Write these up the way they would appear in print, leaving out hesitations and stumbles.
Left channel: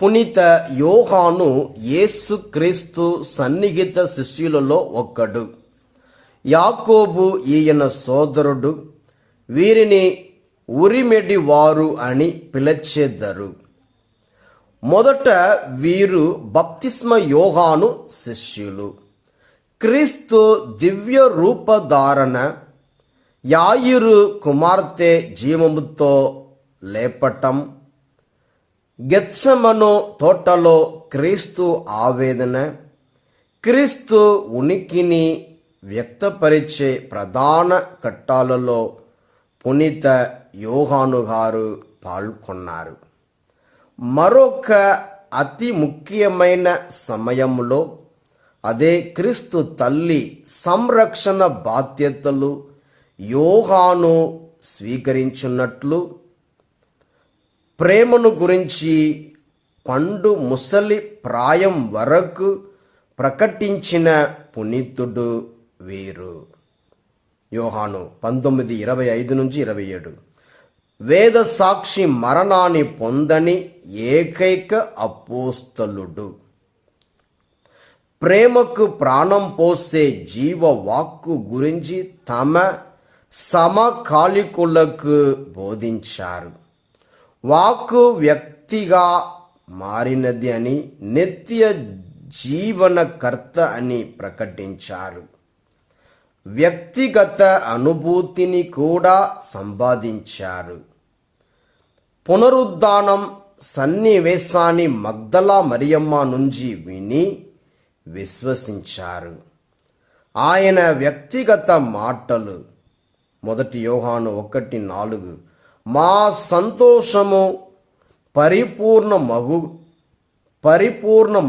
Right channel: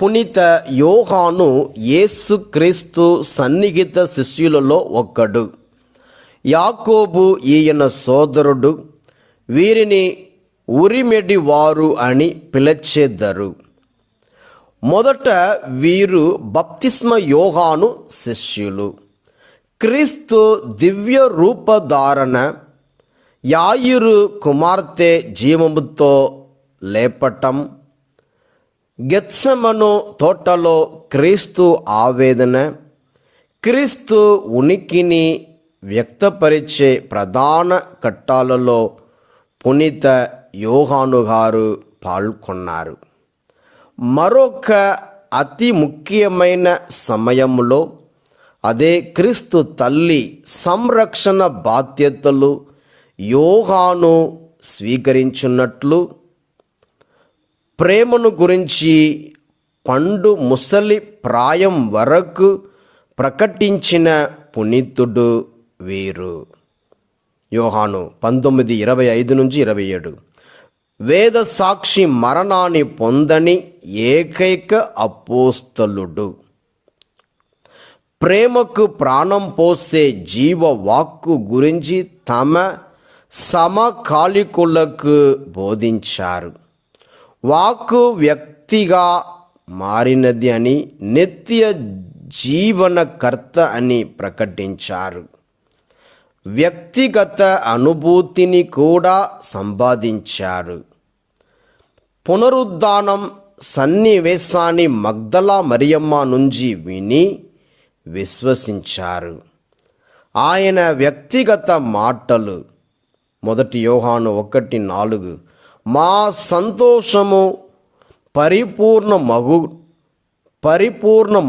పునీత యోహాను యేసుక్రీస్తు సన్నిహిత శిష్యులలో ఒక్కడు. యాకోబు ఈయన సోదరుడు. వీరిని ఉరిమెడి వారు అని పిలిచెదరు. మొదట వీరు బప్తిస్మ యోహాను శిష్యులు. క్రీస్తు దివ్య రూపధారణ, యాయిరు కుమార్తె జీవముతో లేపటం, గెత్సెమను తోటలో క్రీస్తు ఆవేదన, క్రీస్తు ఉనికిని వ్యక్తపరిచే ప్రధాన ఘట్టాలలో పునీత యోహాను గారు పాల్గొన్నారు. మరొక అతి ముఖ్యమైన సమయంలో, అదే క్రీస్తు తల్లి సంరక్షణ బాధ్యతలు యోహాను స్వీకరించినట్లు, ప్రేమను గురించి పండు ముసలి ప్రాయం వరకు ప్రకటించిన పునీతుడు వీరు. యోహాను 19:25-27. వేద సాక్షి మరణాన్ని పొందని ఏకైక అపోస్తలుడు. ప్రేమకు ప్రాణం పోసే జీవవాక్కు గురించి తమ సమకాలికులకు బోధించారు. వాక్కు వ్యక్తిగా మారినది అని, నిత్య జీవనకర్త అని ప్రకటించారు. వ్యక్తిగత అనుభూతిని కూడా సంపాదించారు. పునరుద్ధానం సన్నివేశాన్ని మగ్దలా మరియమ్మ నుంచి విని విశ్వసించారు. ఆయన వ్యక్తిగత మాటలు 1 యోహాను 1:4, మా సంతోషము పరిపూర్ణ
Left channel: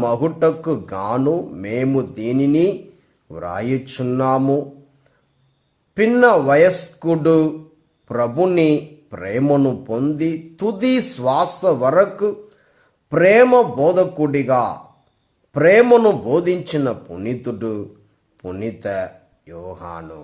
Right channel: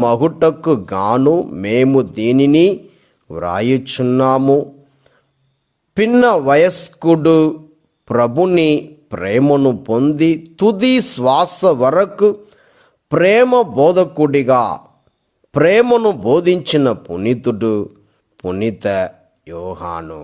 మగుటకు గాను మేము దీనిని వ్రాయుచున్నాము. పిన్న వయస్కుడు ప్రభుని ప్రేమను పొంది తుది శ్వాస వరకు ప్రేమ బోధకుడిగా ప్రేమను బోధించిన పునీతుడు పునీత యోహాను.